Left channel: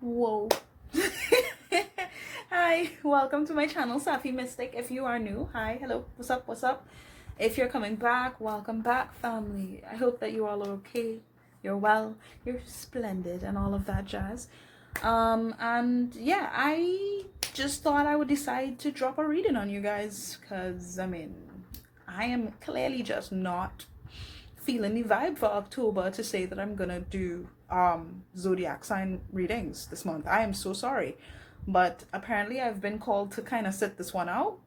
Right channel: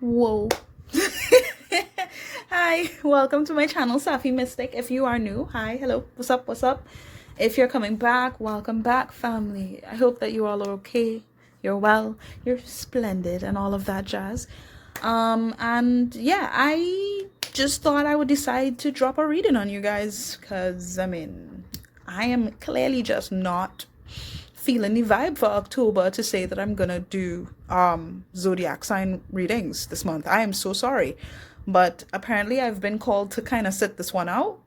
Whoa. Hi, welcome to my channel, Safi Mystic. If you are new, hi, hello, what's up, what's up? If you're coming back, welcome back, family. I hope that you all are okay, you're well, you're splendid, and all of that jazz. And yeah, I just thought I would decide to drop a reading on you guys, because, I am clearly just not feeling the vibe for October to say that I'm gonna do zodiac sign readings this month. I am so sorry, but apparently I've been called to kind of sit this one out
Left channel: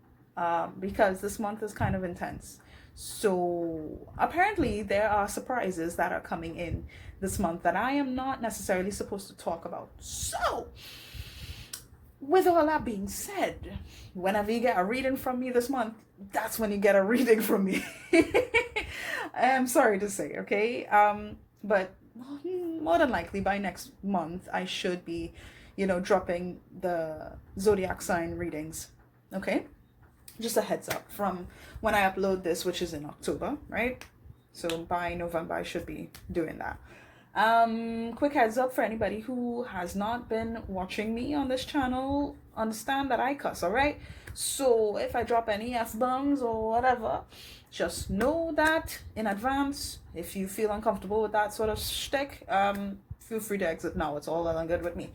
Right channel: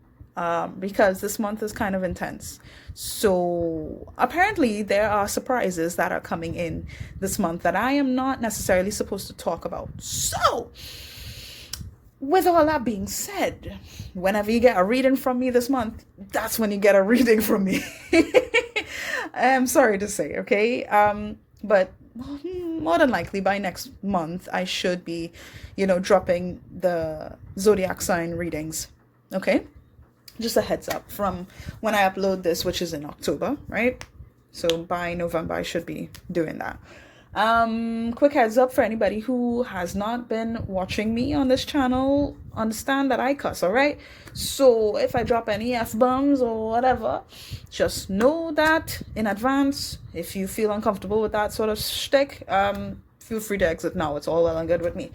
because this month is kind of intense. So apparently there are surprises that are coming in this month that I am not necessarily supposed to talk about. So with all that being said, whenever you get a reading from me this month, that's when you get a reading from me. I'm sorry to say, okay? But more than likely by next month, I should be, dropping the zodiac sign readings, okay? Just a heads up from when I upload this, which is in October, right? So by November, I should be doing that. Quick heads up for anybody who has not been watching me on this channel, understand that I cuss, all right? So if I drop any F-bombs or whatever, just know that in advance. If you feel uncomfortable with that sort of shtick, feel free to exit now. It's all well and good with me.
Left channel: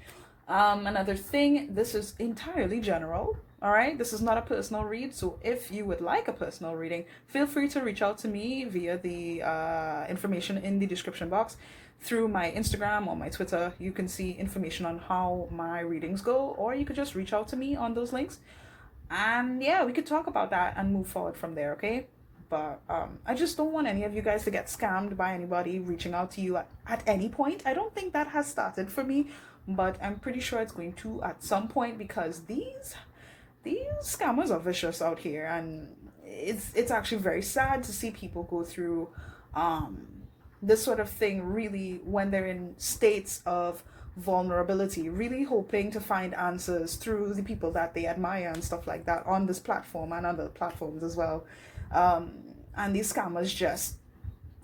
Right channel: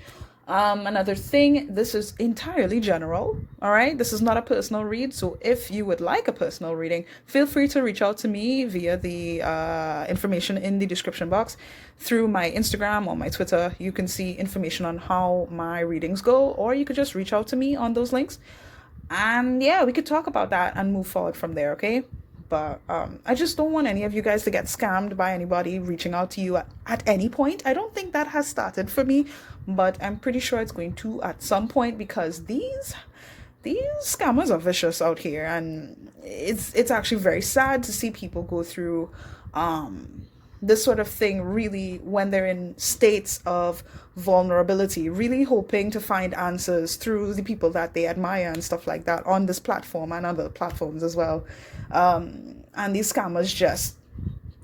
Another thing, this is entirely general, all right? This is not a personal read, so if you would like a personal reading, feel free to reach out to me via the information in the description box through my Instagram or my Twitter. You can see information on how my readings go, or you could just reach out to me on those links. And yeah, we could talk about that and move forward from there, okay? But I just don't want any of you guys to get scammed by anybody reaching out to you at any point. I don't think that has started for me, but I'm pretty sure it's going to at some point, because these scammers are vicious out here, and it's actually very sad to see people go through this sort of thing, really, when they're in states of vulnerability, really hoping to find answers through the people that they admire and stuff like that on this platform and other platforms as well. And these scammers just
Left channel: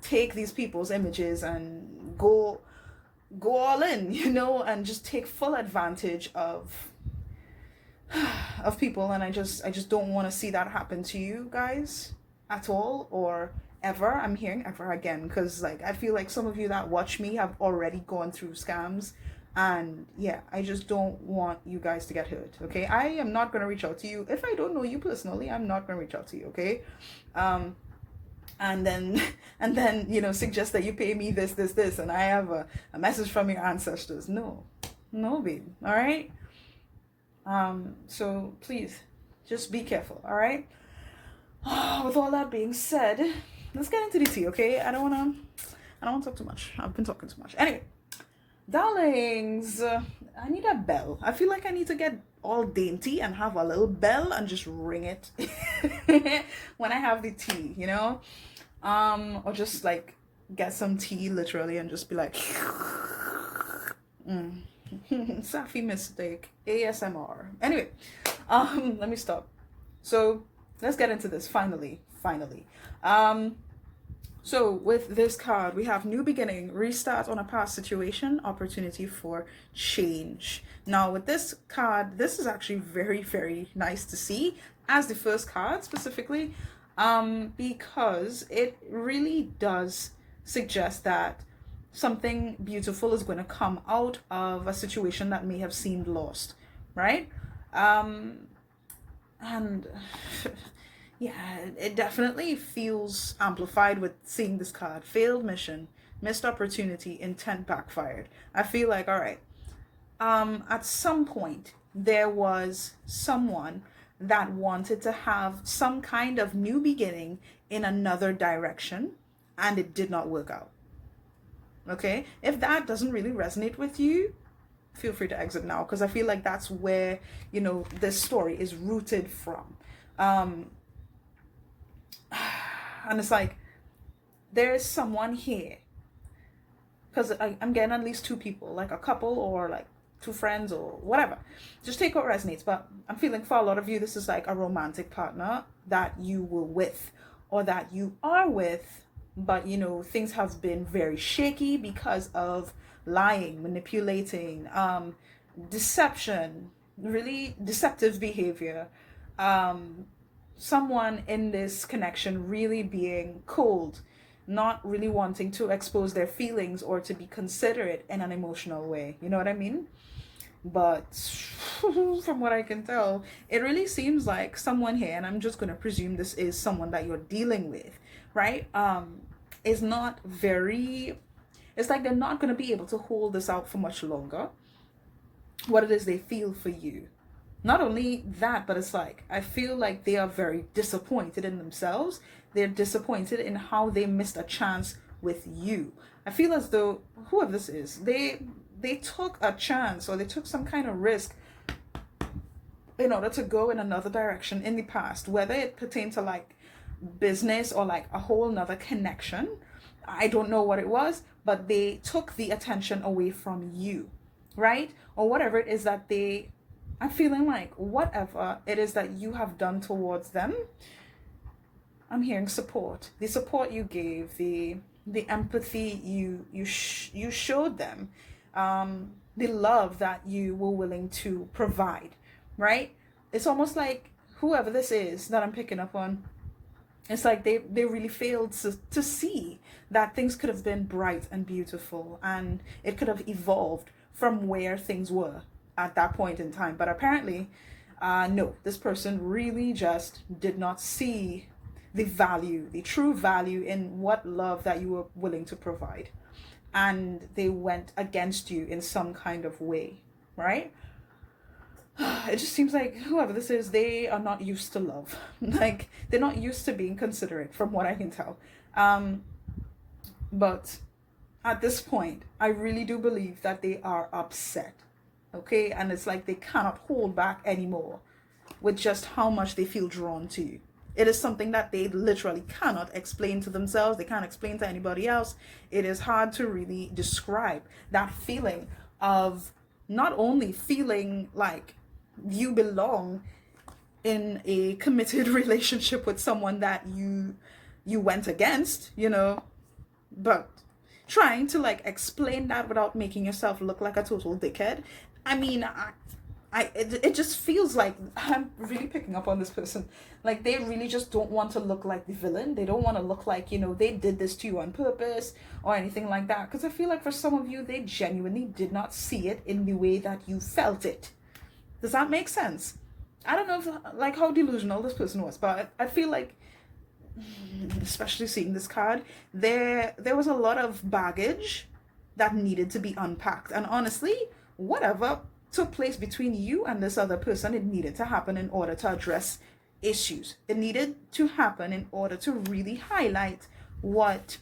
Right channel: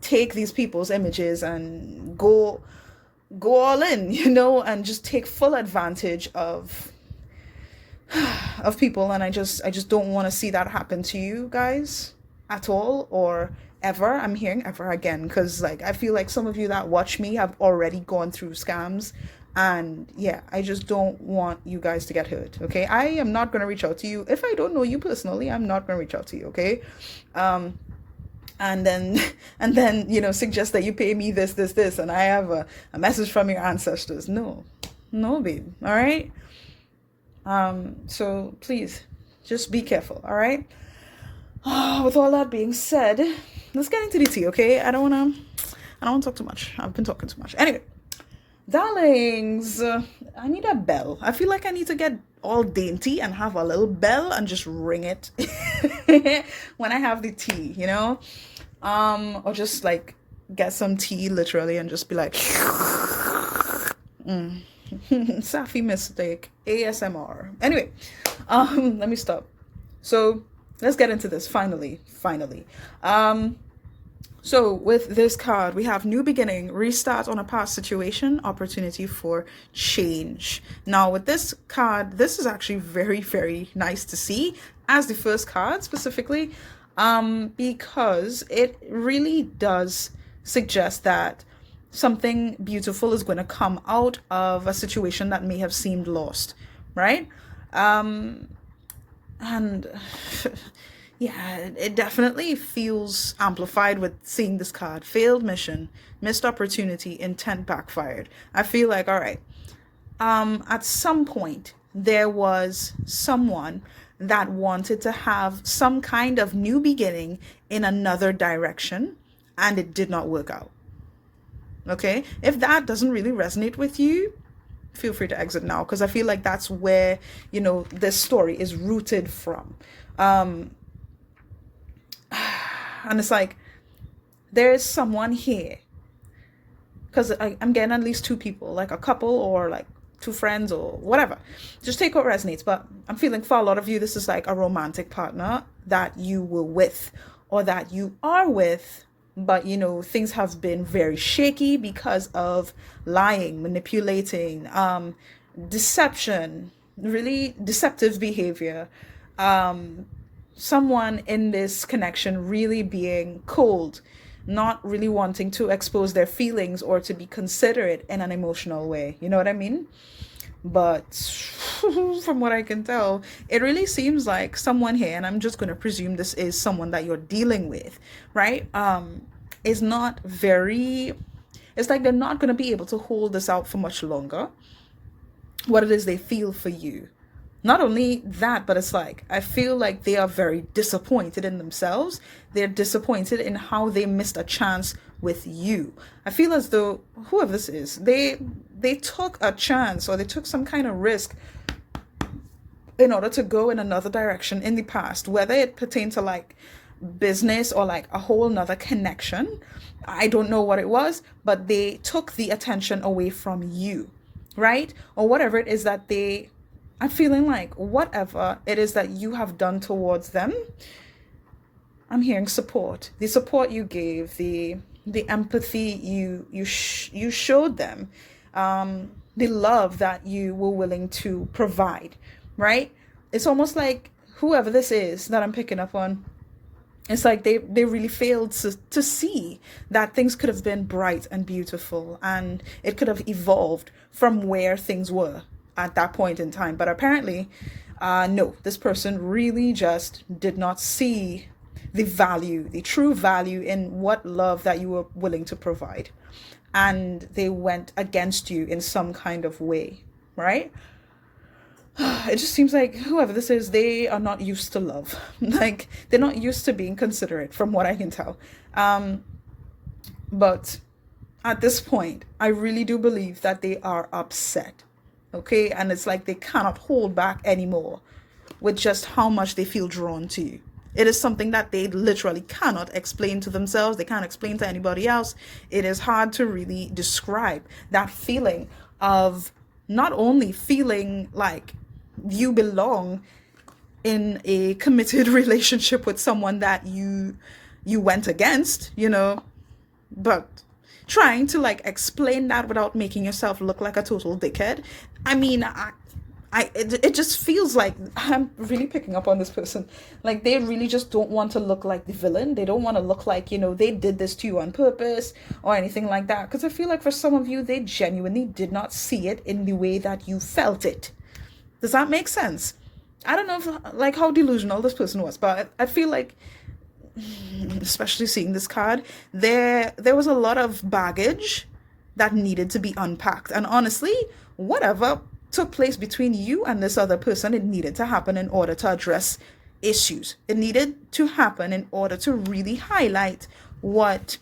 take these people's images and go all in, and just take full advantage of people. And I just don't want to see that happen to you guys at all, or ever. I'm hearing ever again, because I feel like some of you that watch me have already gone through scams, and yeah, I just don't want you guys to get hurt, okay? I am not going to reach out to you if I don't know you personally. I'm not going to reach out to you, okay? And then suggest that you pay me this, and I have a message from your ancestors. No, babe, all right? So please just be careful, all right? With all that being said, let's get into the tea, okay? I don't want to talk too much. I've been talking too much. Anyway, darlings, I need a bell. I feel like I need to get all dainty and have a little bell and just ring it when I have the tea, or just get some tea literally and just be like Safi Mystic ASMR. Anyway, let me stop. So let's get into this finally. So with this card, we have new beginning, restart on a past situation, opportunity for change. Now with this card, this is actually very, very nice to see as the first card specifically, because it really does suggest that something beautiful is going to come out of a situation that may have seemed lost, right? And yeah, it definitely feels amplified with seeing this card. Failed mission, missed opportunity, intent backfired. I feel like, all right, at some point there was someone that wanted to have some kind of new beginning in another direction, and it did not work out. Okay, if that doesn't really resonate with you, feel free to exit now, because I feel like that's where this story is rooted from. And it's like, there's someone here, because I'm getting at least two people, like a couple or like two friends or whatever. Just take what resonates. But I'm feeling for a lot of you, this is like a romantic partner that you were with, or that you are with, but things have been very shaky because of lying, manipulating, deception, really deceptive behavior, someone in this connection really being cold, not really wanting to expose their feelings or to be considerate in an emotional way. You know what I mean? But from what I can tell, it really seems like someone here, and I'm just going to presume this is someone that you're dealing with, right? Is not very, it's like they're not going to be able to hold this out for much longer, what it is they feel for you. Not only that, but it's like, I feel like they are very disappointed in themselves. They're disappointed in how they missed a chance with you. I feel as though whoever this is, they took a chance, or they took some kind of risk in order to go in another direction in the past, whether it pertained to like business or like a whole nother connection. I don't know what it was, but they took the attention away from you, right? Or whatever it is that I'm feeling like whatever it is that you have done towards them, I'm hearing support. The support you gave, the empathy you showed them, the love that you were willing to provide, right? It's almost like whoever this is that I'm picking up on, it's like they really failed to see that things could have been bright and beautiful, and it could have evolved from where things were at that point in time. But apparently, no, this person really just did not see the value, the true value in what love that you were willing to provide. And they went against you in some kind of way, right? It just seems like whoever this is, they are not used to love. Like, they're not used to being considerate, from what I can tell. But at this point, I really do believe that they are upset. Okay? And it's like they cannot hold back anymore with just how much they feel drawn to you. It is something that they literally cannot explain to themselves. They can't explain to anybody else. It is hard to really describe that feeling of not only feeling like you belong in a committed relationship with someone that you went against, but trying to like explain that without making yourself look like a total dickhead. I mean, it just feels like I'm really picking up on this person. Like, they really just don't want to look like the villain. They don't want to look like, they did this to you on purpose or anything like that. Because I feel like for some of you, they genuinely did not see it in the way that you felt it. Does that make sense? I don't know if, like, how delusional this person was, but I feel like, especially seeing this card, there was a lot of baggage that needed to be unpacked. And honestly, whatever took place between you and this other person, it needed to happen in order to address issues. It needed to happen in order to really highlight what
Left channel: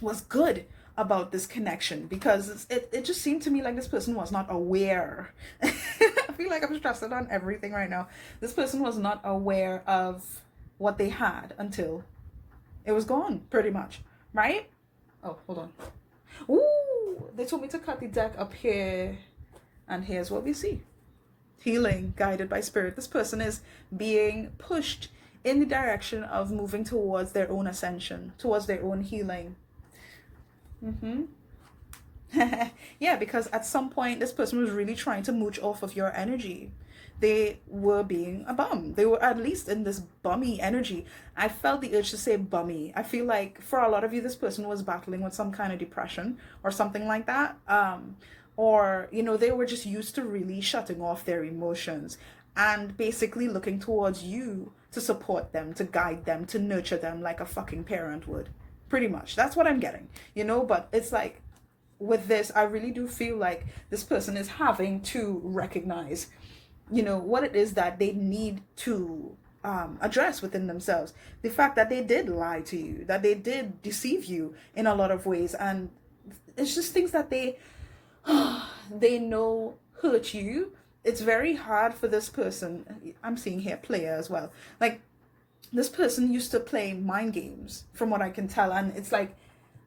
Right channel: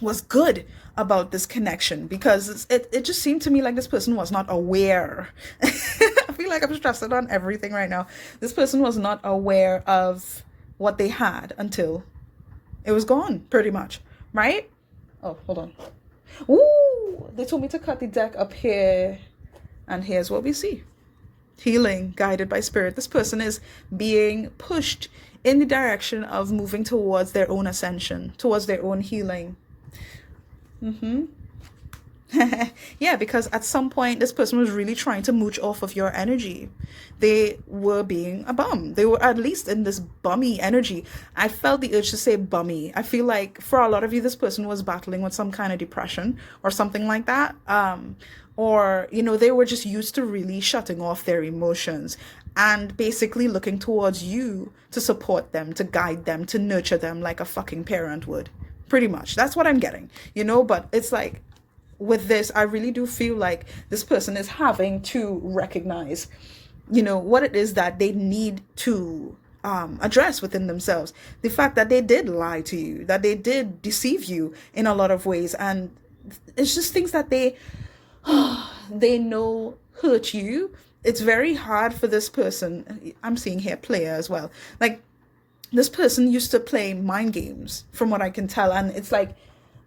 was good about this connection, because it just seemed to me like this person was not aware. I feel like I'm stressing on everything right now. This person was not aware of what they had until it was gone, pretty much, right? Oh, hold on. Ooh, they told me to cut the deck up here. And here's what we see. Healing, guided by spirit. This person is being pushed in the direction of moving towards their own ascension, towards their own healing. Yeah, because at some point, this person was really trying to mooch off of your energy. They were being a bum. They were at least in this bummy energy. I felt the urge to say bummy. I feel like for a lot of you, this person was battling with some kind of depression or something like that. Or, they were just used to really shutting off their emotions and basically looking towards you to support them, to guide them, to nurture them like a fucking parent would. Pretty much. That's what I'm getting, but it's like with this, I really do feel like this person is having to recognize, what it is that they need to address within themselves. The fact that they did lie to you, that they did deceive you in a lot of ways. And it's just things that they know hurt you. It's very hard for this person. I'm seeing here player as well. Like, this person used to play mind games, from what I can tell. And it's like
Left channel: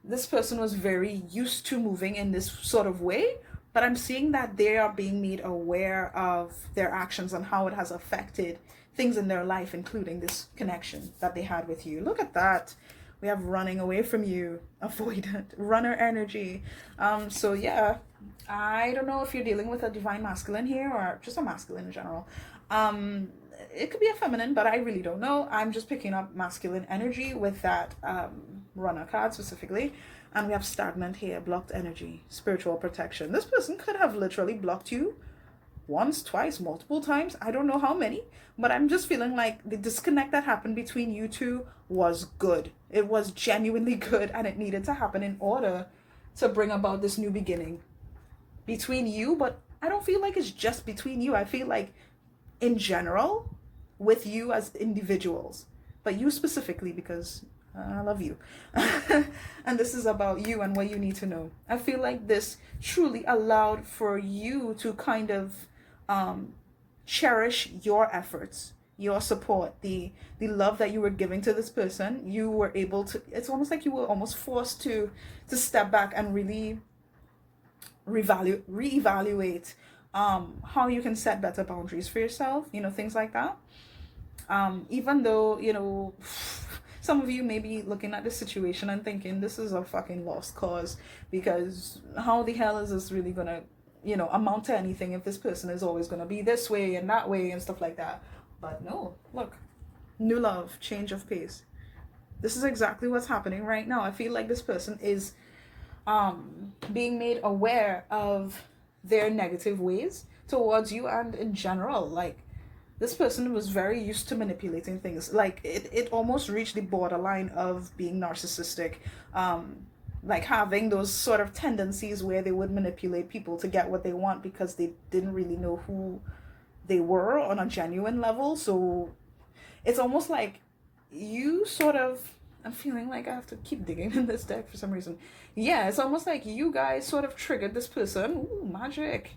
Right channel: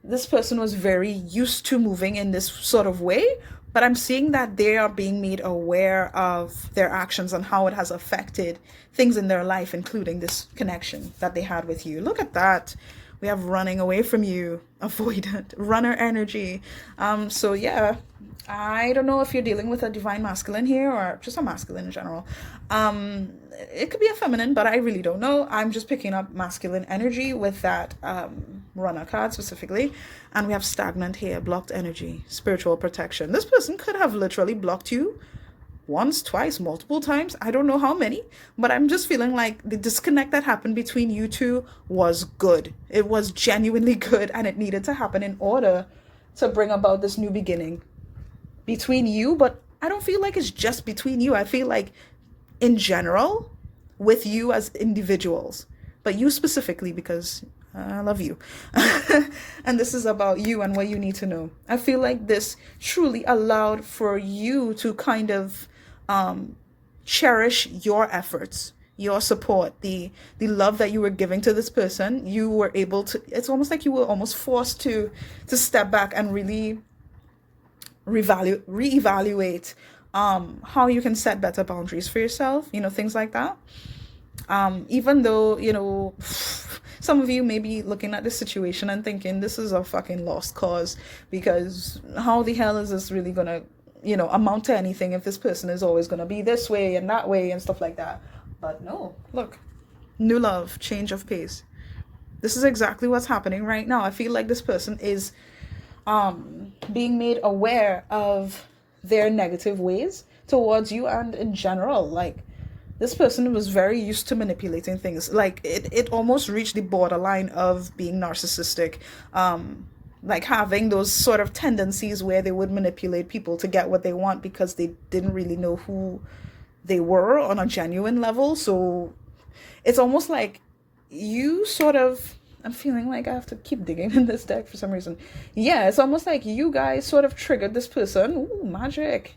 this person was very used to moving in this sort of way. But I'm seeing that they are being made aware of their actions and how it has affected things in their life, including this connection that they had with you. Look at that. We have running away from you, avoidant, runner energy. So yeah, I don't know if you're dealing with a divine masculine here or just a masculine in general. It could be a feminine, but I really don't know. I'm just picking up masculine energy with that runner card specifically. And we have stagnant here, blocked energy, spiritual protection. This person could have literally blocked you once, twice, multiple times. I don't know how many, but I'm just feeling like the disconnect that happened between you two was good. It was genuinely good, and it needed to happen in order to bring about this new beginning between you. But I don't feel like it's just between you. I feel like in general with you as individuals, but you specifically because I love you. And this is about you and what you need to know. I feel like this truly allowed for you to kind of cherish your efforts, your support, the love that you were giving to this person. You were able to, it's almost like you were almost forced to step back and really reevaluate how you can set better boundaries for yourself, things like that. Even though, some of you may be looking at this situation and thinking this is a fucking lost cause, because how the hell is this really gonna, amount to anything if this person is always gonna be this way and that way and stuff like that. But no, look, new love, change of pace. This is exactly what's happening right now. I feel like this person is being made aware of their negative ways towards you, and in general, like, this person was very used to manipulating things. Like, it almost reached the borderline of being narcissistic, like having those sort of tendencies where they would manipulate people to get what they want because they didn't really know who they were on a genuine level. So it's almost like you sort of, I'm feeling like I have to keep digging in this deck for some reason. Yeah, it's almost like you guys sort of triggered this person. Ooh, magic.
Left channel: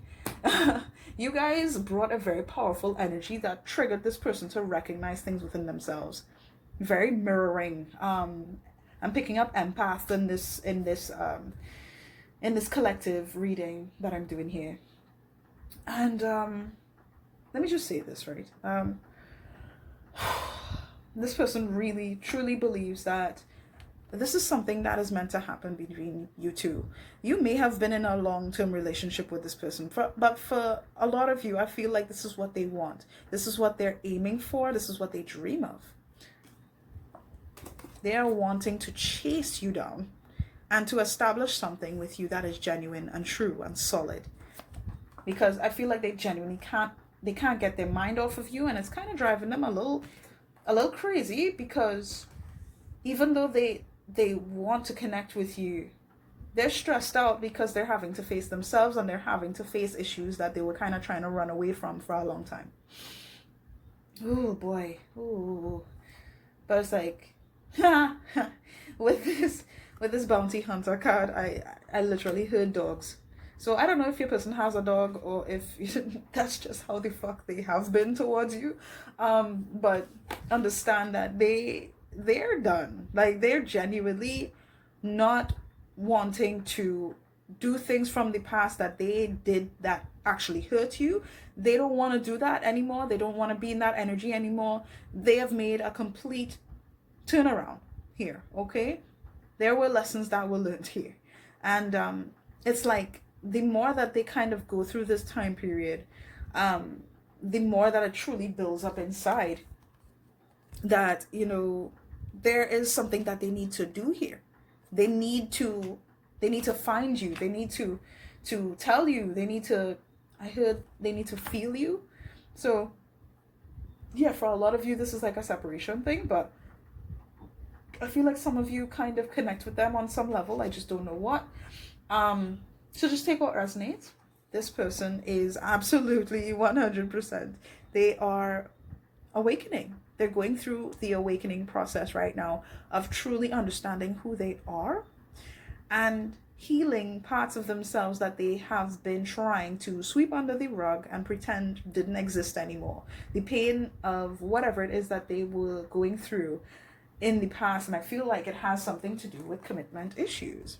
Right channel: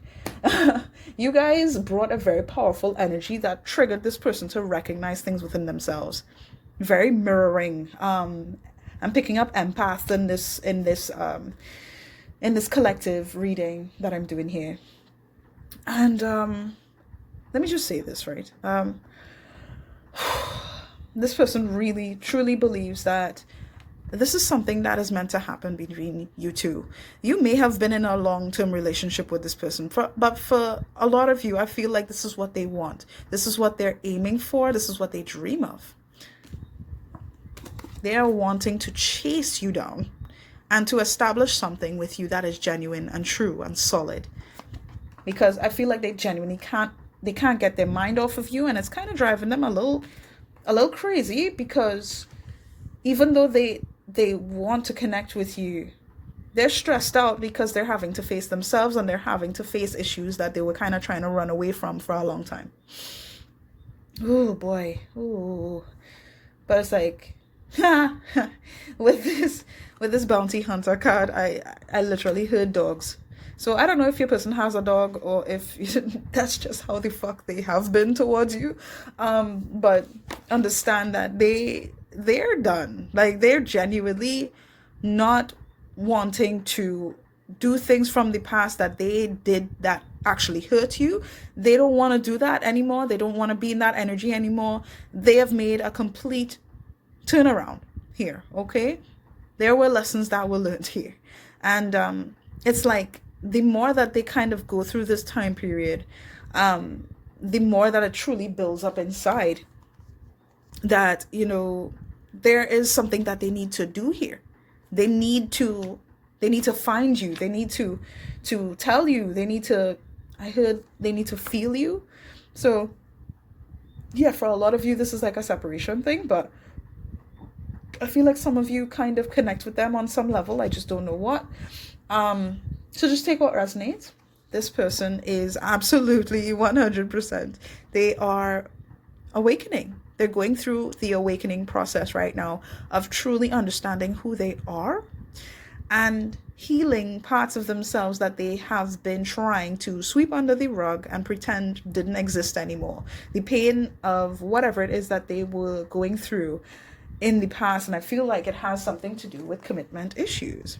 You guys brought a very powerful energy that triggered this person to recognize things within themselves. Very mirroring. I'm picking up empath in this collective reading that I'm doing here. And let me just say this, right? This person really truly believes that this is something that is meant to happen between you two. You may have been in a long-term relationship with this person, but for a lot of you, I feel like this is what they want. This is what they're aiming for. This is what they dream of. They are wanting to chase you down and to establish something with you that is genuine and true and solid. Because I feel like they genuinely can't get their mind off of you, and it's kind of driving them a little crazy, because even though they want to connect with you, they're stressed out because they're having to face themselves, and they're having to face issues that they were kind of trying to run away from for a long time. Oh boy. Oh, but it's like with this bounty hunter card, I literally heard dogs. So I don't know if your person has a dog or if that's just how the fuck they have been towards you. But understand that they're done. Like, they're genuinely not wanting to do things from the past that they did that actually hurt you. They don't want to do that anymore. They don't want to be in that energy anymore. They have made a complete turnaround here, okay? There were lessons that were learned here. And it's like, the more that they kind of go through this time period, the more that it truly builds up inside that, there is something that they need to do here. They need to find you. They need to tell you. I heard they need to feel you. So yeah, for a lot of you, this is like a separation thing, but I feel like some of you kind of connect with them on some level. I just don't know what. So just take what resonates. This person is absolutely 100%. They are awakening. They're going through the awakening process right now of truly understanding who they are and healing parts of themselves that they have been trying to sweep under the rug and pretend didn't exist anymore. The pain of whatever it is that they were going through in the past. And I feel like it has something to do with commitment issues.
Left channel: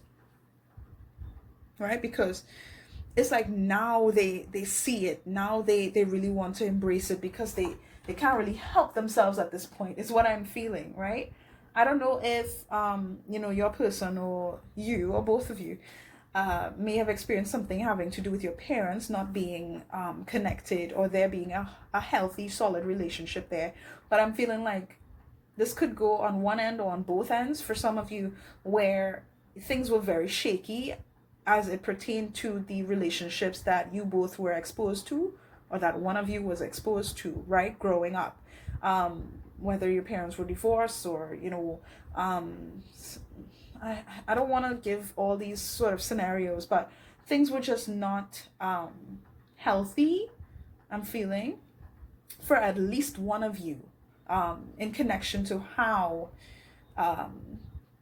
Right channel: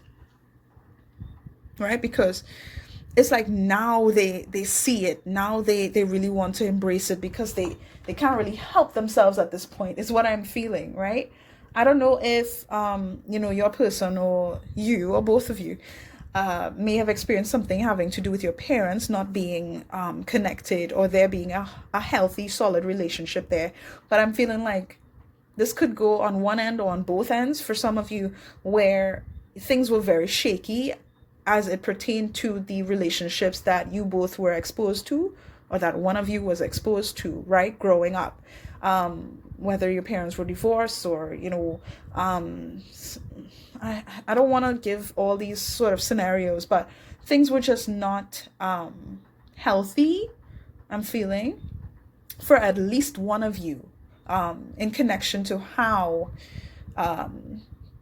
Right? Because it's like now they see it. Now they really want to embrace it because they can't really help themselves at this point, is what I'm feeling, right? I don't know if your person or you or both of you may have experienced something having to do with your parents not being connected, or there being a healthy, solid relationship there. But I'm feeling like this could go on one end or on both ends for some of you, where things were very shaky as it pertained to the relationships that you both were exposed to, or that one of you was exposed to, right, growing up. Whether your parents were divorced, or I don't want to give all these sort of scenarios, but things were just not healthy, I'm feeling, for at least one of you, in connection to how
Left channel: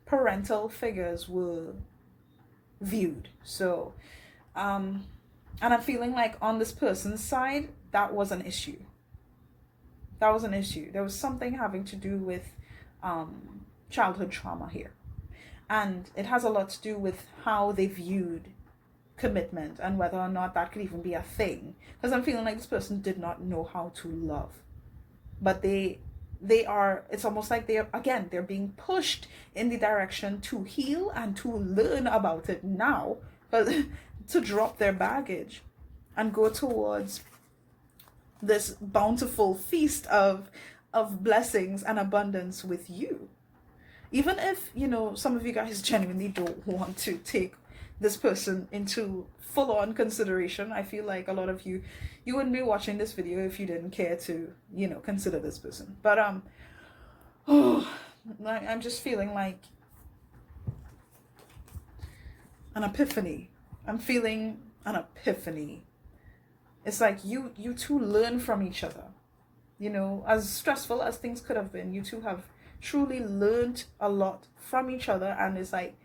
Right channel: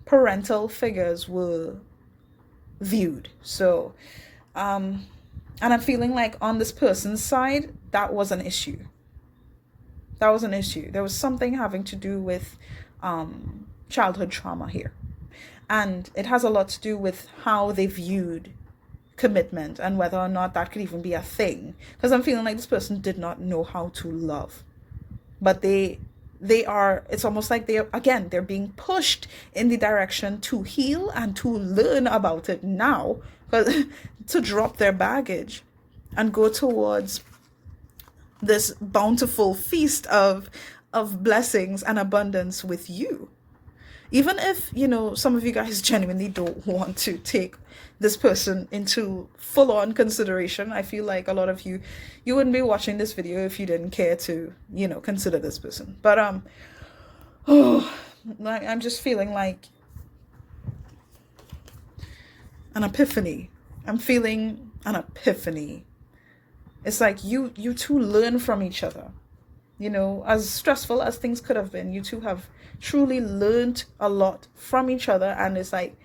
parental figures were viewed. So, and I'm feeling like on this person's side, that was an issue. That was an issue. There was something having to do with childhood trauma here. And it has a lot to do with how they viewed commitment and whether or not that could even be a thing. Because I'm feeling like this person did not know how to love. But it's almost like they're being pushed in the direction to heal and to learn about it now, but to drop their baggage and go towards this bountiful feast of blessings and abundance with you. Even if, some of you guys genuinely don't want to take this person into full-on consideration, I feel like a lot of you wouldn't be watching this video if you didn't care to, consider this person. But I'm just feeling like an epiphany. I'm feeling an epiphany. It's like you two learn from each other. As stressful as things could have been, you two have truly learned a lot from each other. And it's like,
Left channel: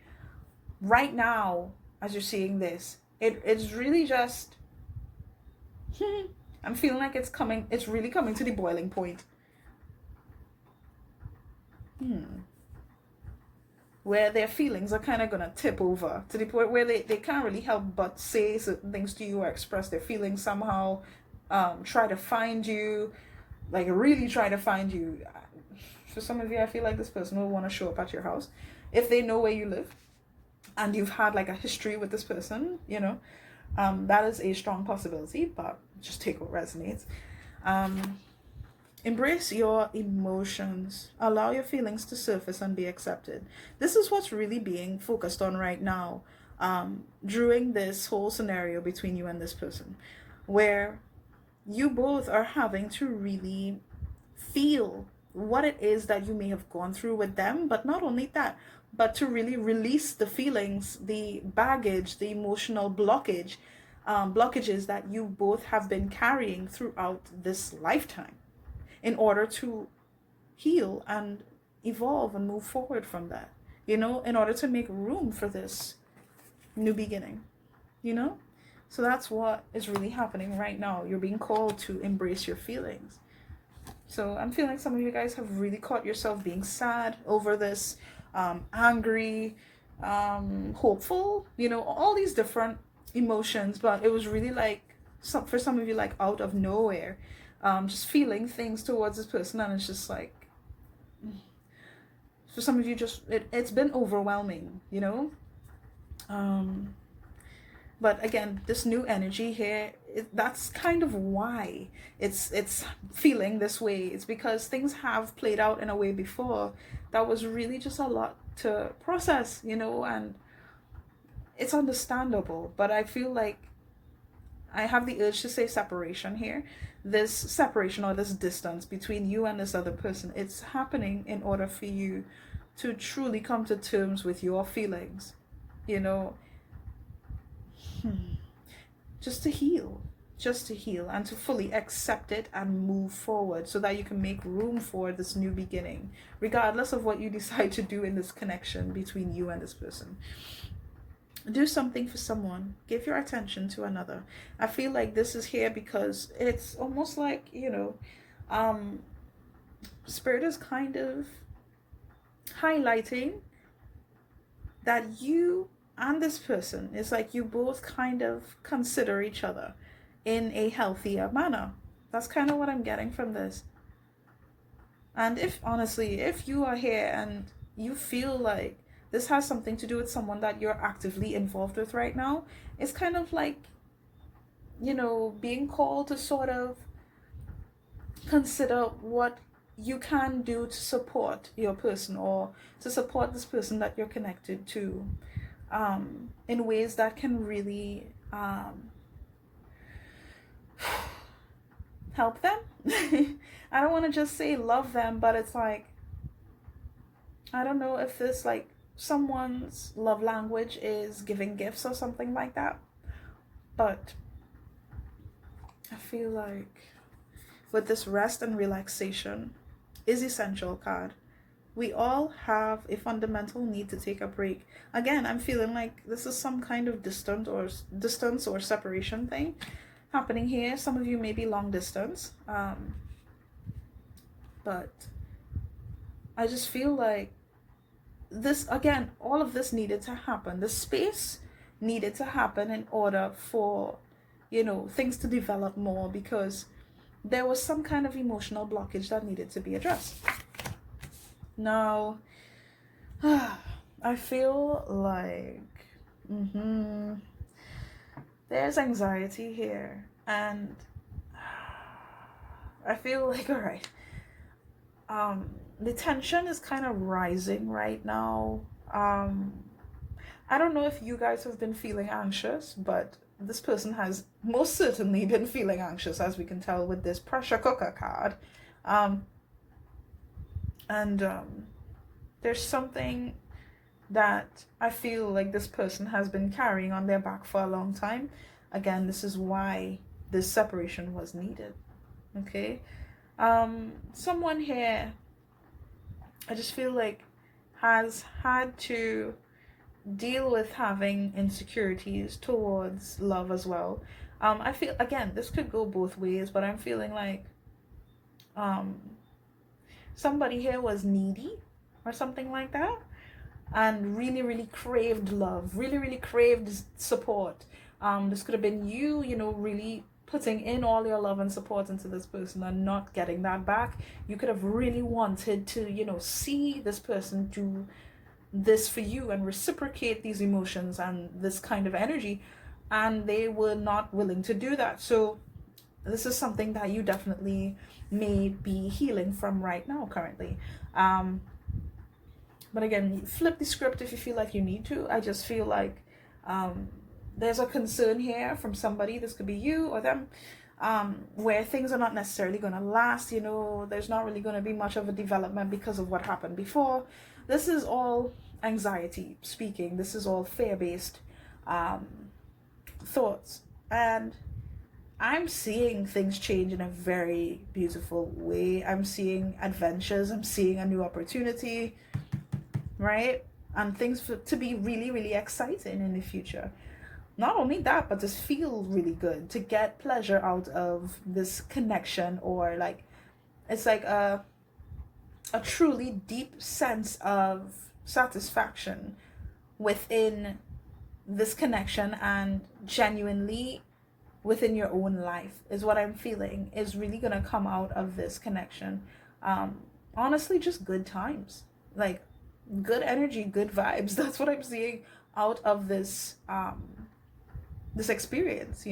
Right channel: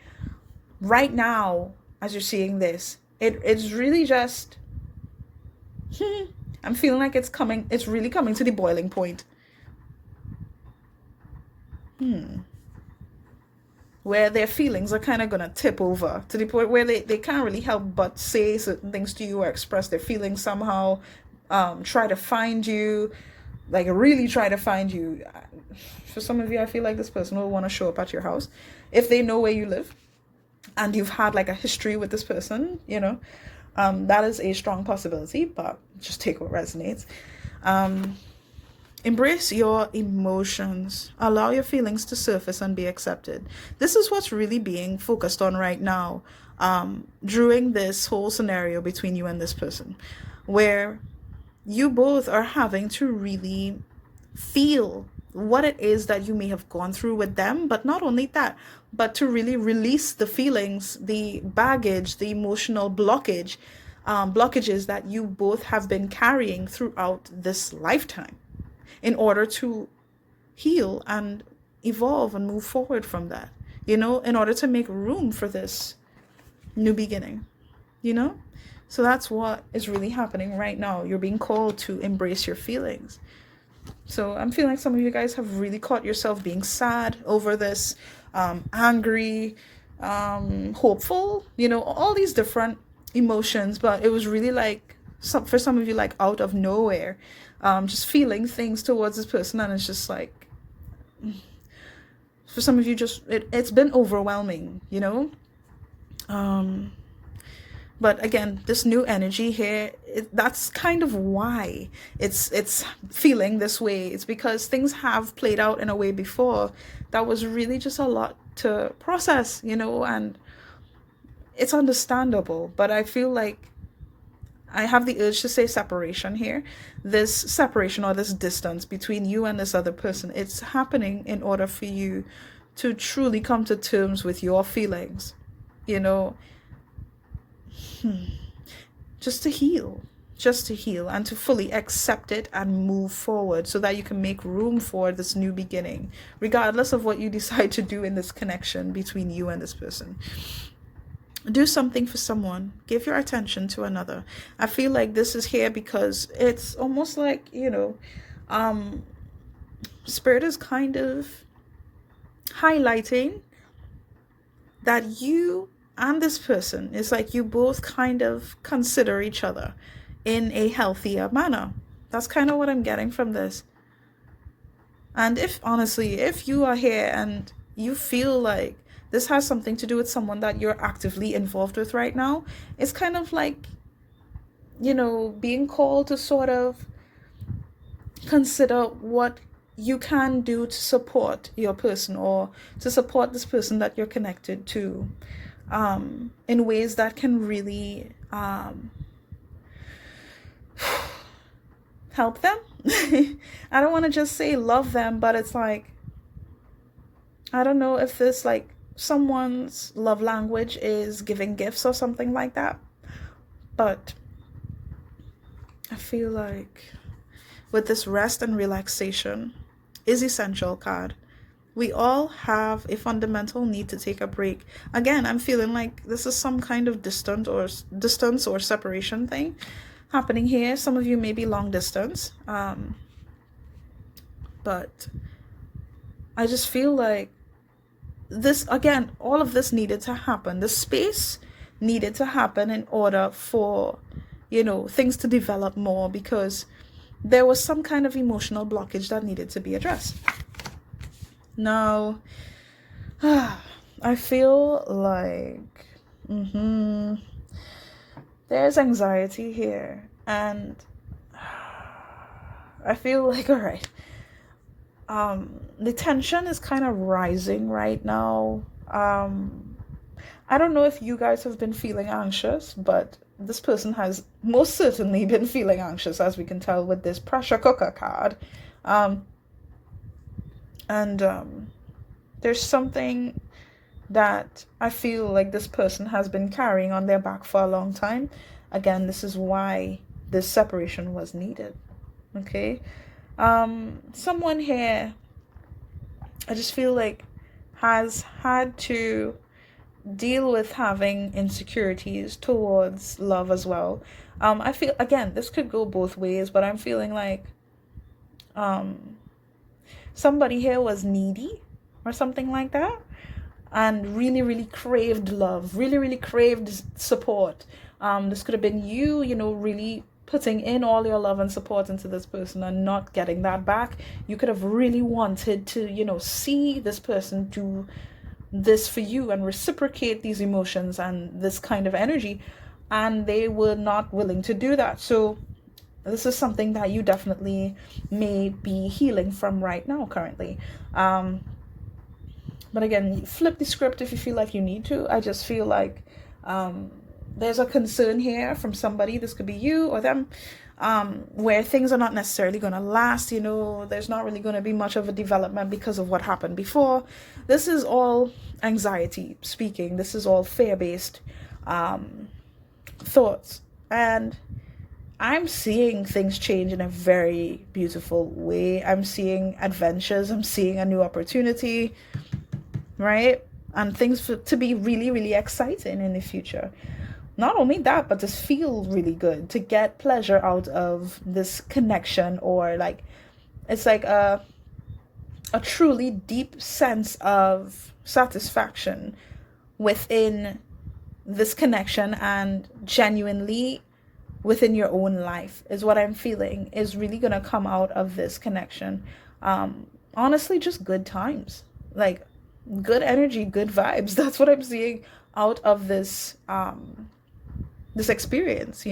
right now, as you're seeing this, it's really just, I'm feeling like it's really coming to the boiling point. Where their feelings are kind of going to tip over to the point where they can't really help but say certain things to you or express their feelings somehow, try to find you, like really try to find you. For some of you, I feel like this person will want to show up at your house if they know where you live and you've had like a history with this person, that is a strong possibility, but just take what resonates. Embrace your emotions. Allow your feelings to surface and be accepted. This is what's really being focused on right now, during this whole scenario between you and this person, where you both are having to really feel what it is that you may have gone through with them, but not only that, but to really release the feelings, the baggage, the emotional blockages that you both have been carrying throughout this lifetime, in order to heal and evolve and move forward from that, in order to make room for this new beginning, So that's what is really happening right now. You're being called to embrace your feelings. So I'm feeling like some of you guys have really caught yourself being sad over this, angry, hopeful, all these different emotions. But it was really like, for some of you, like out of nowhere, just feeling things towards this person. And it's just like, for some of you, just it's been overwhelming, but again, this new energy here, that's kind of why it's feeling this way. It's because things have played out in a way before that was really just a lot to process, and it's understandable. But I feel like I have the urge to say separation here. This separation or this distance between you and this other person, it's happening in order for you to truly come to terms with your feelings, just to heal and to fully accept it and move forward, so that you can make room for this new beginning, regardless of what you decide to do in this connection between you and this person. Do something for someone. Give your attention to another. I feel like this is here because it's almost like, Spirit is kind of highlighting that you and this person, it's like you both kind of consider each other in a healthier manner. That's kind of what I'm getting from this. And if you are here and you feel like this has something to do with someone that you're actively involved with right now, it's kind of like, being called to sort of consider what you can do to support your person, or to support this person that you're connected to, in ways that can really help them. I don't want to just say love them, but it's like, I don't know if this, like, someone's love language is giving gifts or something like that, but I feel like with this rest and relaxation is essential card. We all have a fundamental need to take a break. Again, I'm feeling like this is some kind of distance or separation thing happening here. Some of you may be long distance, but I just feel like this, again, all of this needed to happen. The space needed to happen in order for, things to develop more, because there was some kind of emotional blockage that needed to be addressed. Now, I feel like there's anxiety here, and I feel like, all right, the tension is kind of rising right now. I don't know if you guys have been feeling anxious, but this person has most certainly been feeling anxious, as we can tell with this pressure cooker card. There's something that I feel like this person has been carrying on their back for a long time. Again, this is why this separation was needed. Okay? Someone here, I just feel like, has had to deal with having insecurities towards love as well. I feel, again, this could go both ways, but I'm feeling like somebody here was needy or something like that, and really, really craved love, really, really craved support. This could have been you, really putting in all your love and support into this person and not getting that back. You could have really wanted to, see this person do this for you and reciprocate these emotions and this kind of energy, and they were not willing to do that. So this is something that you definitely may be healing from right now currently. But again, flip the script if you feel like you need to. I just feel like there's a concern here from somebody, this could be you or them, where things are not necessarily going to last. There's not really going to be much of a development because of what happened before. This is all anxiety speaking. This is all fear-based thoughts. And I'm seeing things change in a very beautiful way. I'm seeing adventures. I'm seeing a new opportunity, right? And things to be really, really exciting in the future. Not only that, but to feel really good, to get pleasure out of this connection, or like, it's like a truly deep sense of satisfaction within this connection, and genuinely within your own life is what I'm feeling is really gonna come out of this connection. Honestly, just good times, like good energy, good vibes. That's what I'm seeing out of this this experience,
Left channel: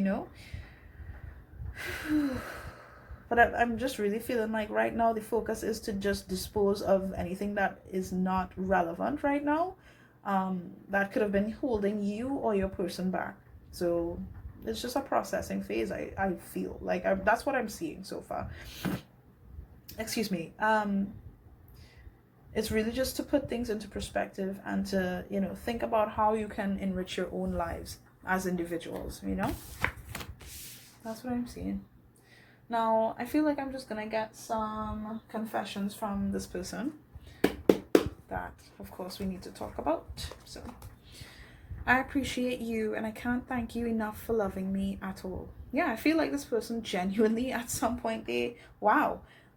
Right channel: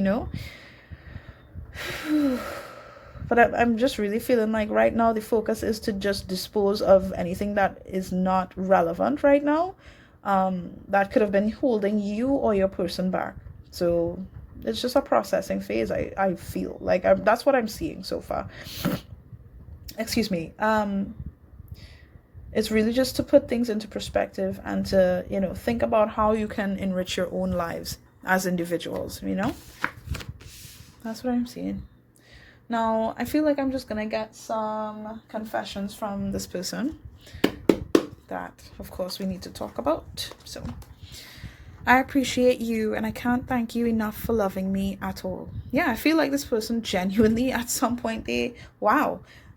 But I'm just really feeling like right now the focus is to just dispose of anything that is not relevant right now, that could have been holding you or your person back. So it's just a processing phase. I feel like that's what I'm seeing so far. Excuse me. It's really just to put things into perspective and to, think about how you can enrich your own lives as individuals, That's what I'm seeing. Now, I feel like I'm just gonna get some confessions from this person that, of course, we need to talk about. So, I appreciate you, and I can't thank you enough for loving me at all. Yeah, I feel like this person genuinely, at some point, they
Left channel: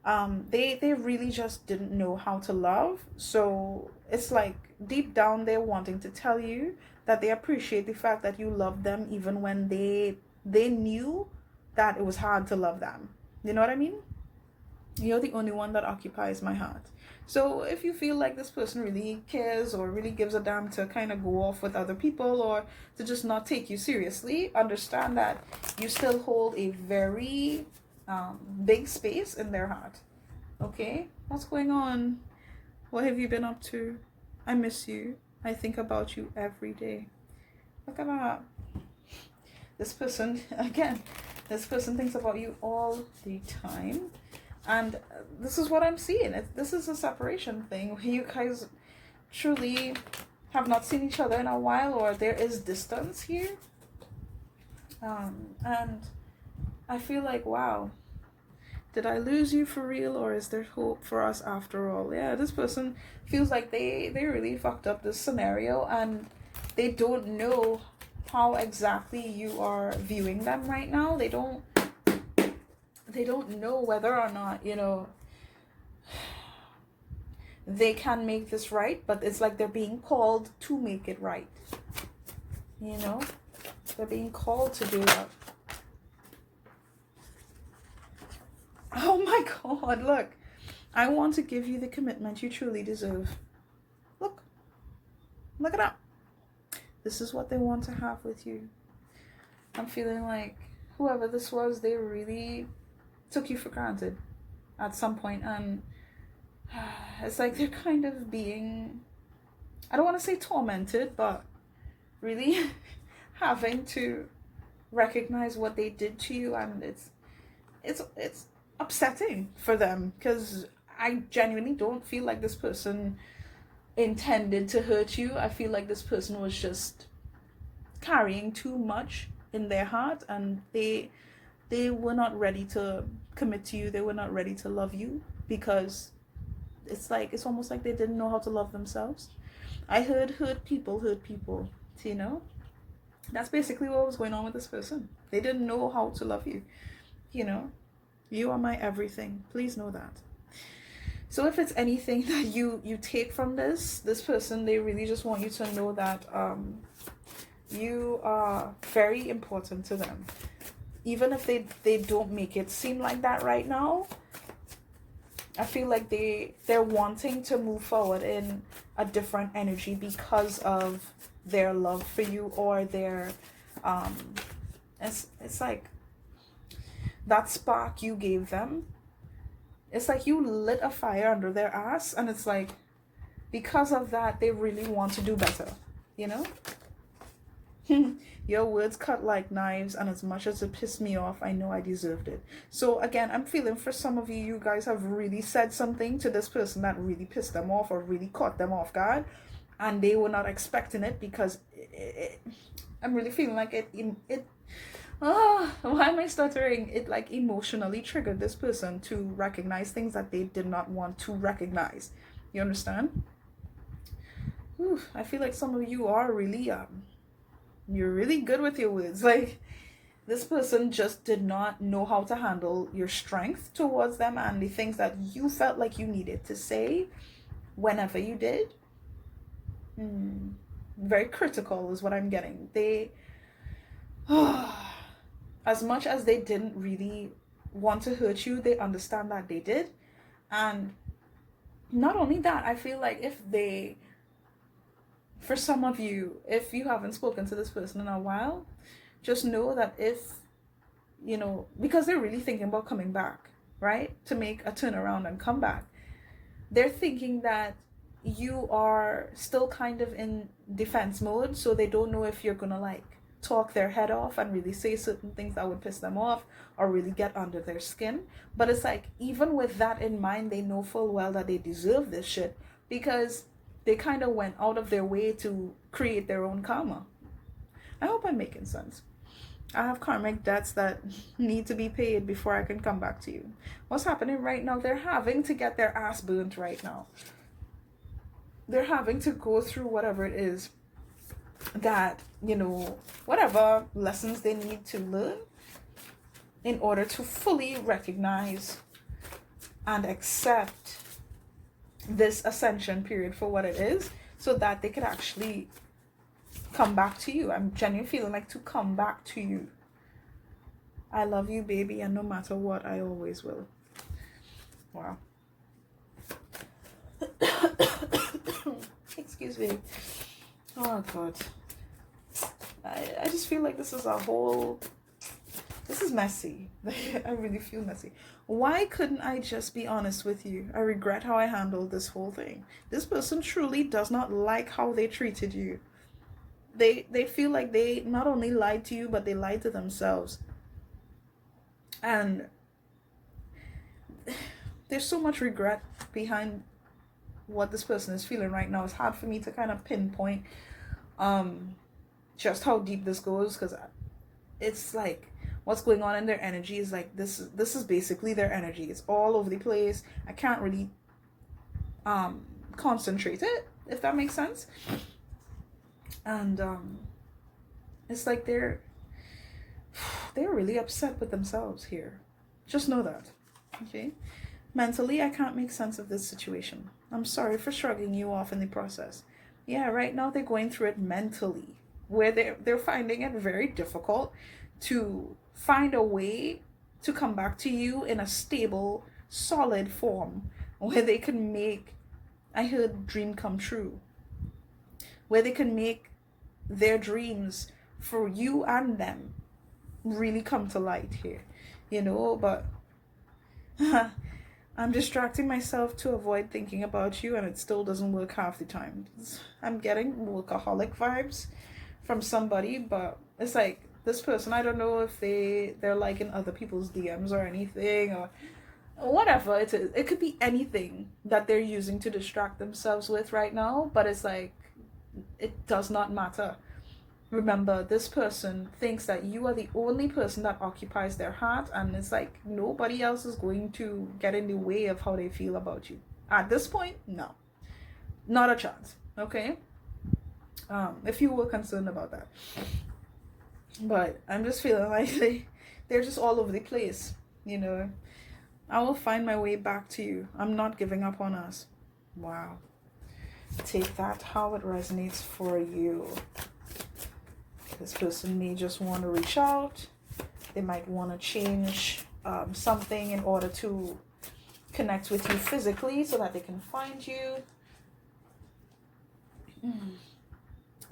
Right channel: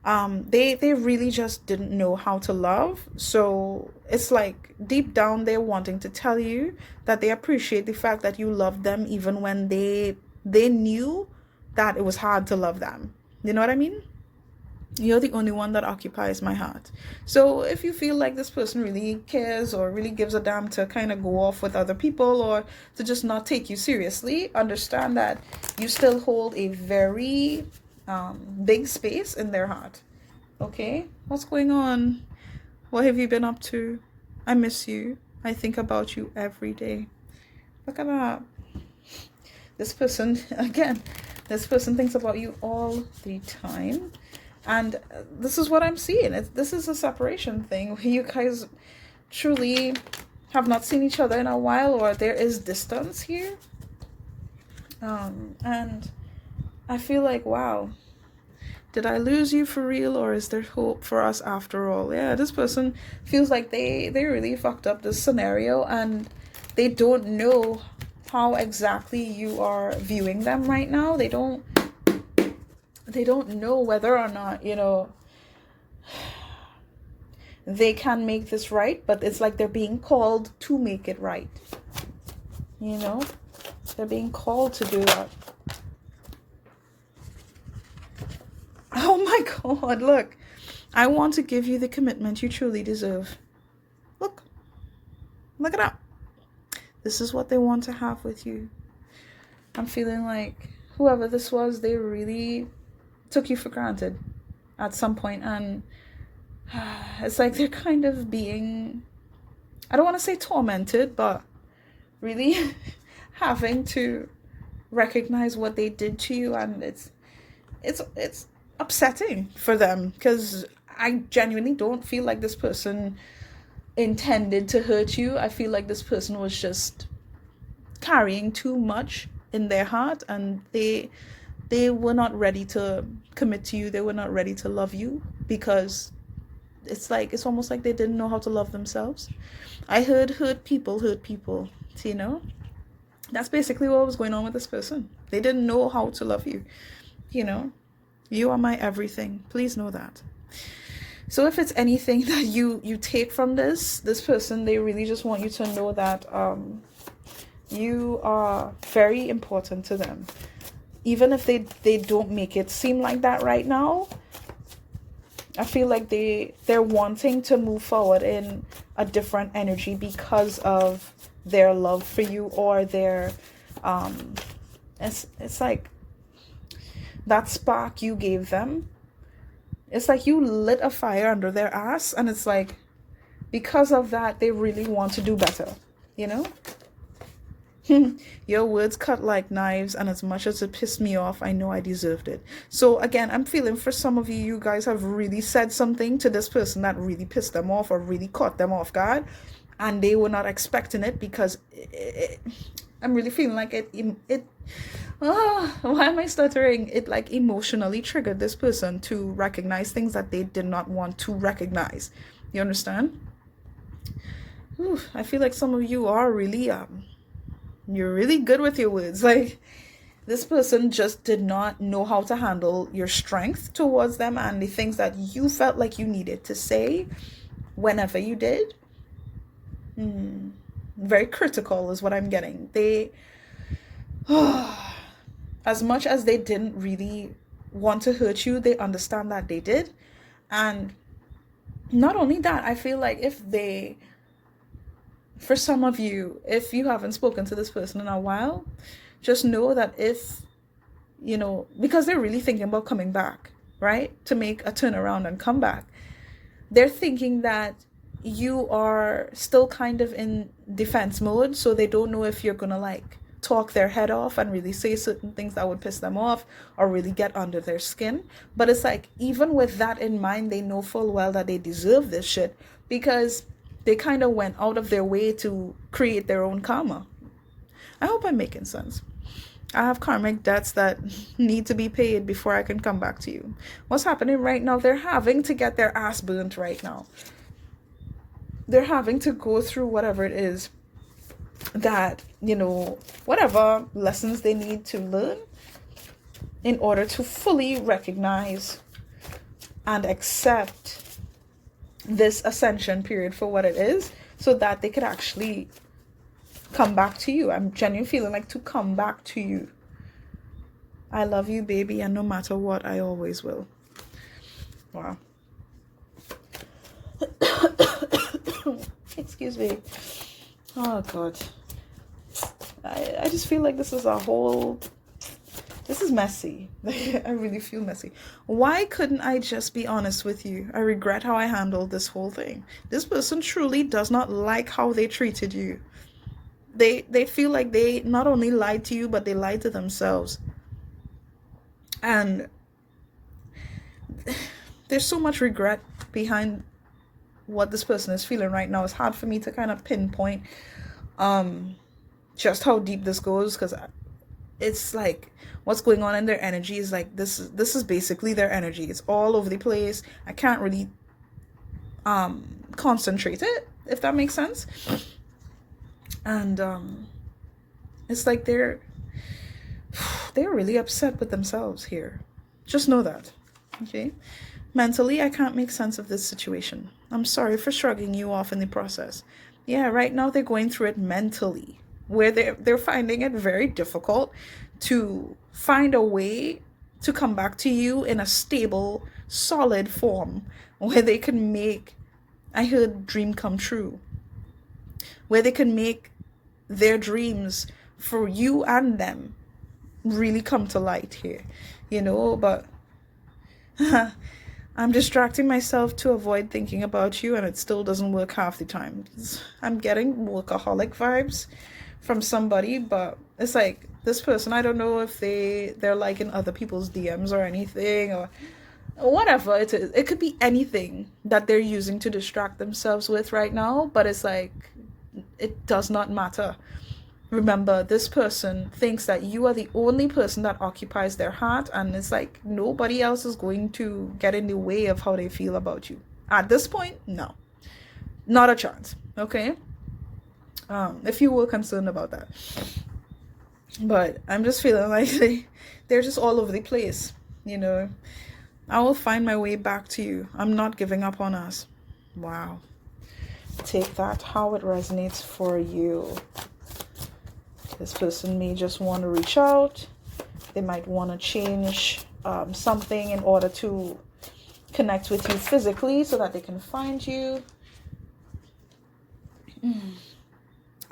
really just didn't know how to love. So it's like deep down they're wanting to tell you that they appreciate the fact that you love them, even when they knew that it was hard to love them. You know what I mean? You're the only one that occupies my heart. So if you feel like this person really cares or really gives a damn to kind of go off with other people or to just not take you seriously, understand that you still hold a very big space in their heart. Okay? What's going on? What have you been up to? I miss you. I think about you every day. Look at that. This person, again, this person thinks about you all the time. And this is what I'm seeing. This is a separation thing where you guys truly have not seen each other in a while, or there is distance here. And I feel like, wow, did I lose you for real, or is there hope for us after all? Yeah, this person feels like they really fucked up this scenario, and they don't know how exactly you are viewing them right now. They don't know whether or not, you know, they can make this right, but it's like they're being called to make it right. You know, they're being called to do that. Oh my God, look. I want to give you the commitment you truly deserve. Look at that. This is what they want to have with you. I'm feeling like whoever this was, they really took you for granted at some point, and it's like they're kind of being, I don't want to say tormented, but really having to recognize what they did to you, and it's upsetting for them, because I genuinely don't feel like this person intended to hurt you. I feel like this person was just carrying too much in their heart, and they were not ready to commit to you. They were not ready to love you, because it's almost like they didn't know how to love themselves. I heard hurt people, you know. That's basically what was going on with this person. They didn't know how to love you, you know. You are my everything. Please know that. So if it's anything that you take from this person, they really just want you to know that you are very important to them. Even if they don't make it seem like that right now, I feel like they're wanting to move forward in a different energy because of their love for you, or their it's like that spark you gave them. It's like you lit a fire under their ass, and it's like because of that they really want to do better, you know. Your words cut like knives, and as much as it pissed me off, I know I deserved it. So again, I'm feeling for some of you, you guys have really said something to this person that really pissed them off or really caught them off guard, and they were not expecting it, because I'm really feeling like why am I stuttering? It like emotionally triggered this person to recognize things that they did not want to recognize. You understand? I feel like some of you are really you're really good with your words. Like, this person just did not know how to handle your strength towards them, and the things that you felt like you needed to say whenever you did. Very critical is what I'm getting. They as much as they didn't really want to hurt you, they understand that they did. And not only that, I feel like for some of you, if you haven't spoken to this person in a while, just know that if, you know, because they're really thinking about coming back, right? To make a turnaround and come back. They're thinking that you are still kind of in defense mode, so they don't know if you're gonna like talk their head off and really say certain things that would piss them off or really get under their skin. But it's like, even with that in mind, they know full well that they deserve this shit, because they kind of went out of their way to create their own karma. I hope I'm making sense. I have karmic debts that need to be paid before I can come back to you. What's happening right now? They're having to get their ass burnt right now. They're having to go through whatever it is that, you know, whatever lessons they need to learn in order to fully recognize and accept this ascension period for what it is, so that they could actually come back to you. I'm genuinely feeling like to come back to you. I love you, baby, and no matter what, I always will. Wow. Excuse me. Oh God. I just feel like this is messy. I really feel messy. Why couldn't I just be honest with you? I regret how I handled this whole thing. This person truly does not like how they treated you. They feel like they not only lied to you, but they lied to themselves. And there's so much regret behind what this person is feeling right now. It's hard for me to kind of pinpoint just how deep this goes, because it's like what's going on in their energy is like this is basically their energy. It's all over the place. I can't really concentrate it, if that makes sense. And it's like they're really upset with themselves here. Just know that. Okay? Mentally, I can't make sense of this situation. I'm sorry for shrugging you off in the process. Yeah, right now they're going through it mentally, where they're finding it very difficult to find a way to come back to you in a stable, solid form where they can make, I heard, dream come true, where they can make their dreams for you and them really come to light here, but I'm distracting myself to avoid thinking about you, and it still doesn't work half the time. I'm getting workaholic vibes from somebody, but it's like this person, I don't know if they're liking other people's DMs or anything, or whatever it is. It could be anything that they're using to distract themselves with right now, but it's like it does not matter. Remember, this person thinks that you are the only person that occupies their heart, and it's like nobody else is going to get in the way of how they feel about you. At this point, no. Not a chance, okay? If you were concerned about that. But I'm just feeling like they're just all over the place, I will find my way back to you. I'm not giving up on us. Wow. Take that how it resonates for you. This person may just want to reach out. They might want to change something in order to connect with you physically so that they can find you.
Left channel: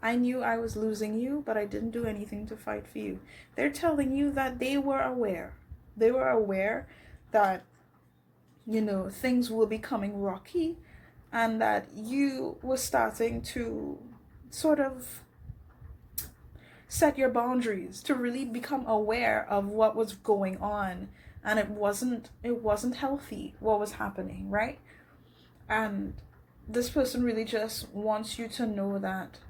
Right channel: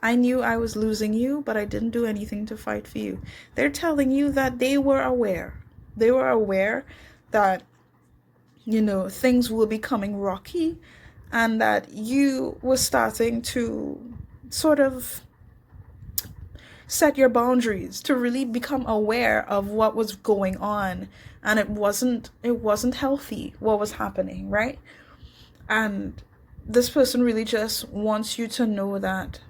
I knew I was losing you, but I didn't do anything to fight for you. They're telling you that they were aware. They were aware that, things were becoming rocky, and that you were starting to sort of set your boundaries, to really become aware of what was going on, and it wasn't healthy what was happening, right? And this person really just wants you to know that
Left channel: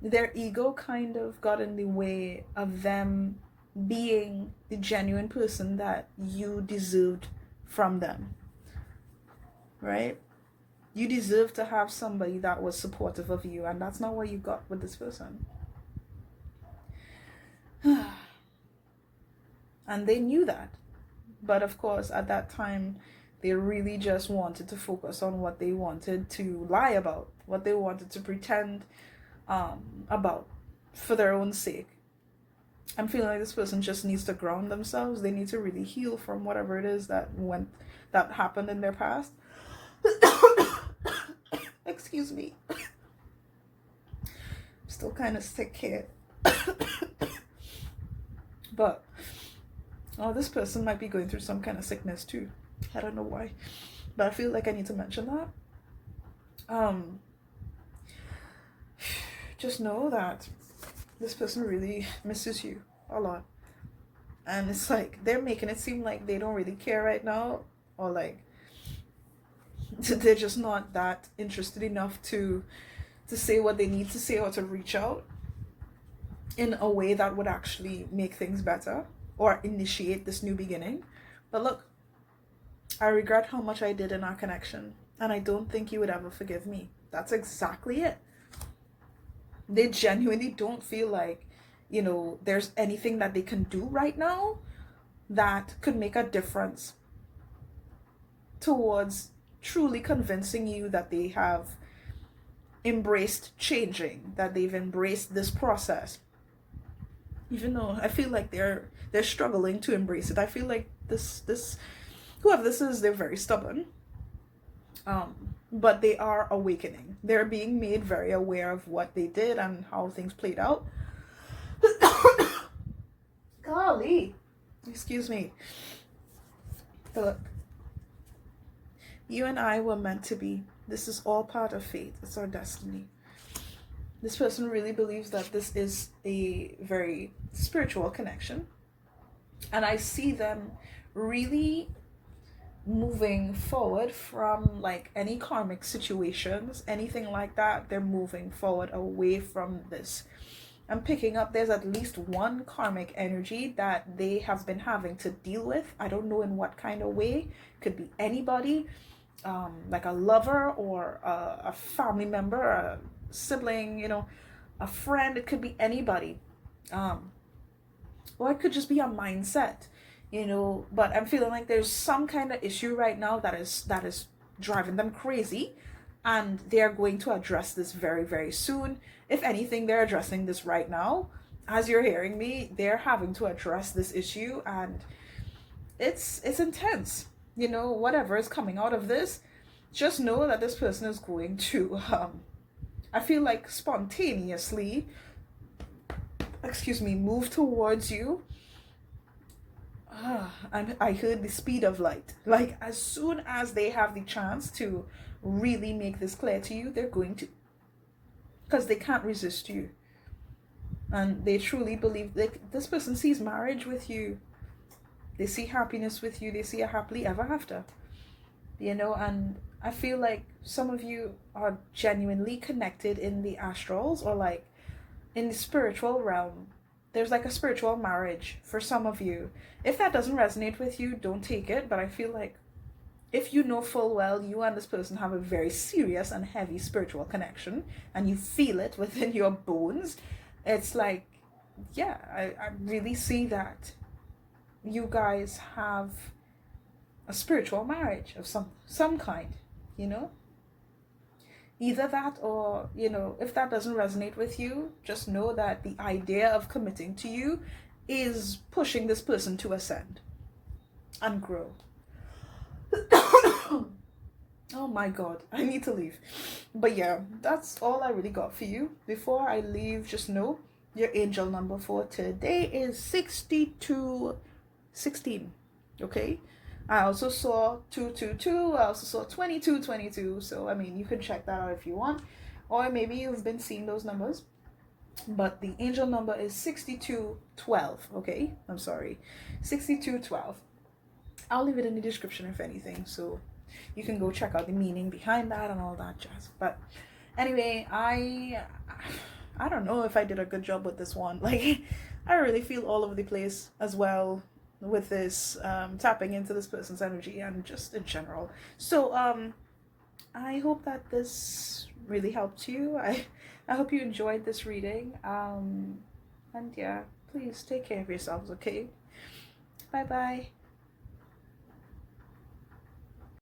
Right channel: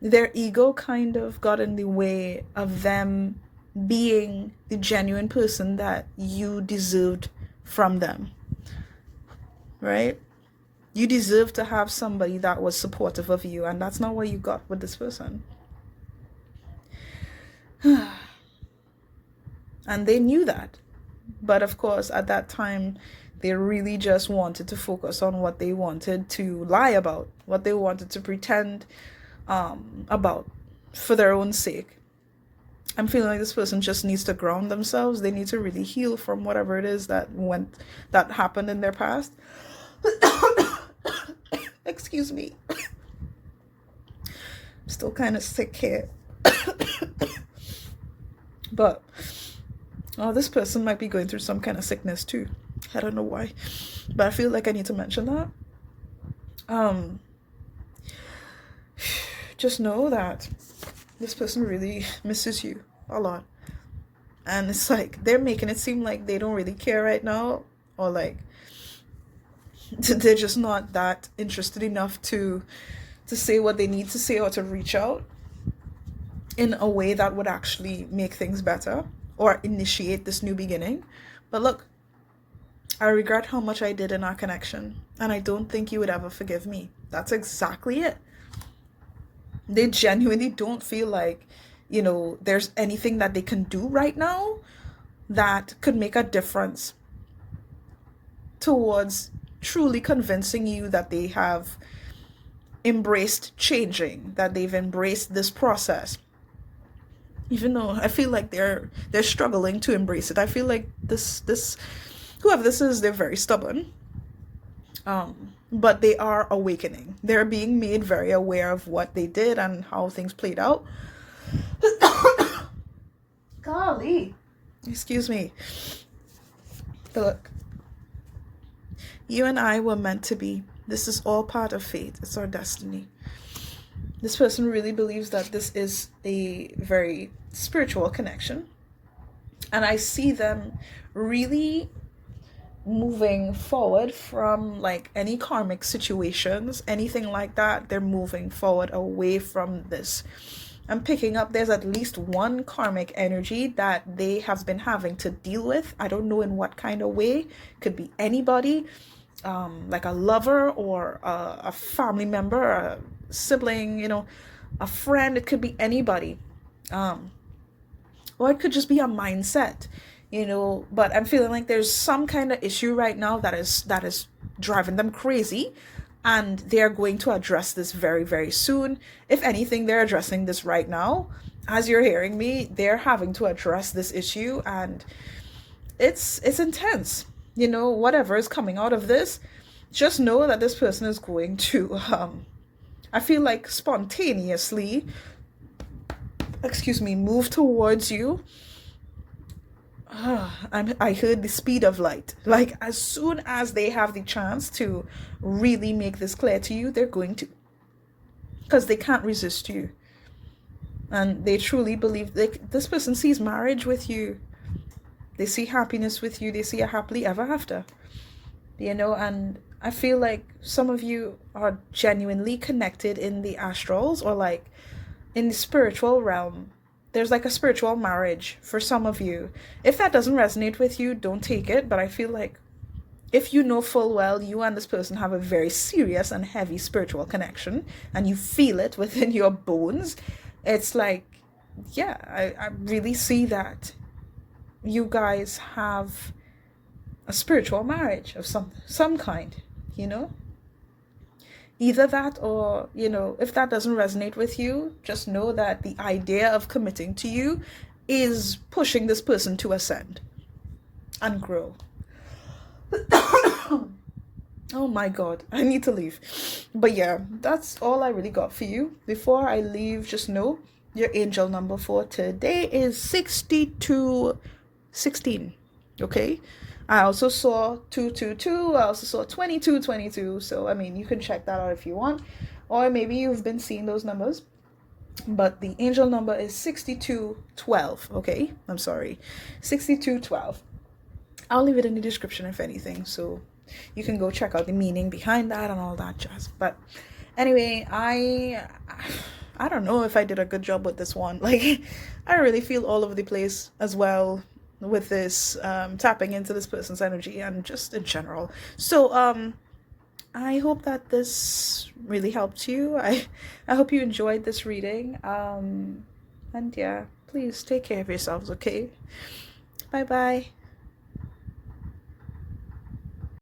their ego kind of got in the way of them being the genuine person that you deserved from them, right? You deserve to have somebody that was supportive of you, and that's not what you got with this person. And they knew that. But of course, at that time, they really just wanted to focus on what they wanted to lie about, what they wanted to pretend about for their own sake. I'm feeling like this person just needs to ground themselves. They need to really heal from whatever it is that happened in their past. Excuse me. I'm still kind of sick here. But this person might be going through some kind of sickness too. I don't know why, but I feel like I need to mention that. Just know that this person really misses you a lot, and it's like they're making it seem like they don't really care right now, or like they're just not that interested enough to say what they need to say, or to reach out in a way that would actually make things better or initiate this new beginning. But look, I regret how much I did in our connection, and I don't think you would ever forgive me. That's exactly it. They genuinely don't feel like, there's anything that they can do right now that could make a difference towards truly convincing you that they have embraced changing, that they've embraced this process. even though I feel like they're struggling to embrace it. I feel like this whoever this is, they're very stubborn. But they are awakening. They're being made very aware of what they did and how things played out. Golly, excuse me. Look, you and I were meant to be. This is all part of fate. It's our destiny. This person really believes that this is a very spiritual connection. And I see them really moving forward from like any karmic situations, anything like that. They're moving forward away from this. I'm picking up there's at least one karmic energy that they have been having to deal with. I don't know in what kind of way. Could be anybody, like a lover or a family member, a sibling, you know, a friend. It could be anybody, or it could just be a mindset, you know. But I'm feeling like there's some kind of issue right now that is driving them crazy, and they're going to address this very, very soon. If anything, they're addressing this right now. As you're hearing me, they're having to address this issue, and it's intense. You know, whatever is coming out of this, just know that this person is going to I feel like spontaneously, excuse me, move towards you. And I heard the speed of light. Like as soon as they have the chance to really make this clear to you, they're going to, because they can't resist you, and they truly believe like this person sees marriage with you. They see happiness with you. They see a happily ever after, you know. And I feel like some of you are genuinely connected in the astrals, or like in the spiritual realm. There's like a spiritual marriage for some of you. If that doesn't resonate with you, don't take it. But I feel like if you know full well you and this person have a very serious and heavy spiritual connection, and you feel it within your bones, it's like, yeah, I really see that you guys have a spiritual marriage of some kind, you know. Either that, or, you know, if that doesn't resonate with you, just know that the idea of committing to you is pushing this person to ascend and grow. Oh my god, I need to leave. But yeah, that's all I really got for you. Before I leave, just know your angel number for today is 6216. Okay? I also saw 222. I also saw 2222. So, I mean, you can check that out if you want. Or maybe you've been seeing those numbers. But the angel number is 6212. Okay? I'm sorry. 6212. I'll leave it in the description if anything. So you can go check out the meaning behind that and all that jazz. But anyway, I don't know if I did a good job with this one. Like, I really feel all over the place as well with this tapping into this person's energy and just in general. So I hope that this really helped you. I hope you enjoyed this reading, and yeah, please take care of yourselves. Okay, bye bye.